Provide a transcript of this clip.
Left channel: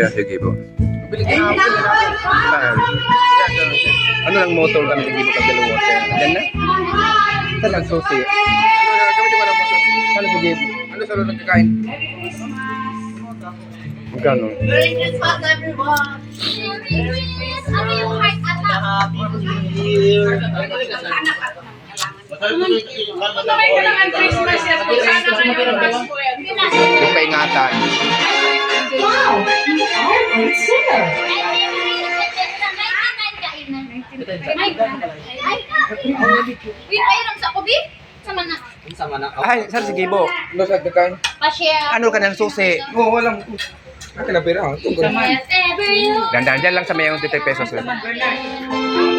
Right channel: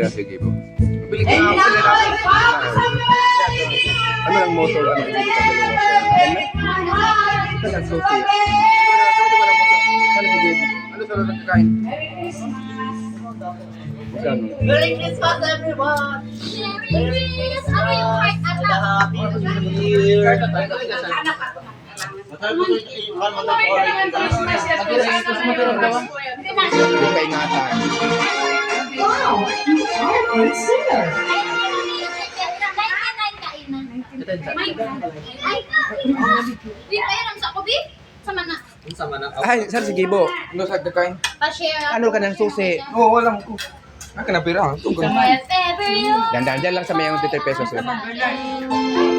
Kaya sige po. Bili ka na ako sila natin. Ano lang motor kami hindi mo kasi water. Yan na? Saan ang susi? Gamitin ko lang motor. Ano sige? Ano sa lulong kakain? Magkano? Merry Christmas, everyone! Merry Christmas! Ano yung heart attack? Happy New Year! Kumamay ka naman Christmas at kung sana ngayon Pasko yan. Kung kaingatan. Wow, you are a great singer. Wait, ayun sa kubi? Sama na. Sama na. Ay, saan sige po? Ano sa kakain? Pa-share. Ano ka ng susi? Oo, walang. Akin na pera. Yes, everyone. Dandan dyan lang sa mayang 50 pesos. Bernard.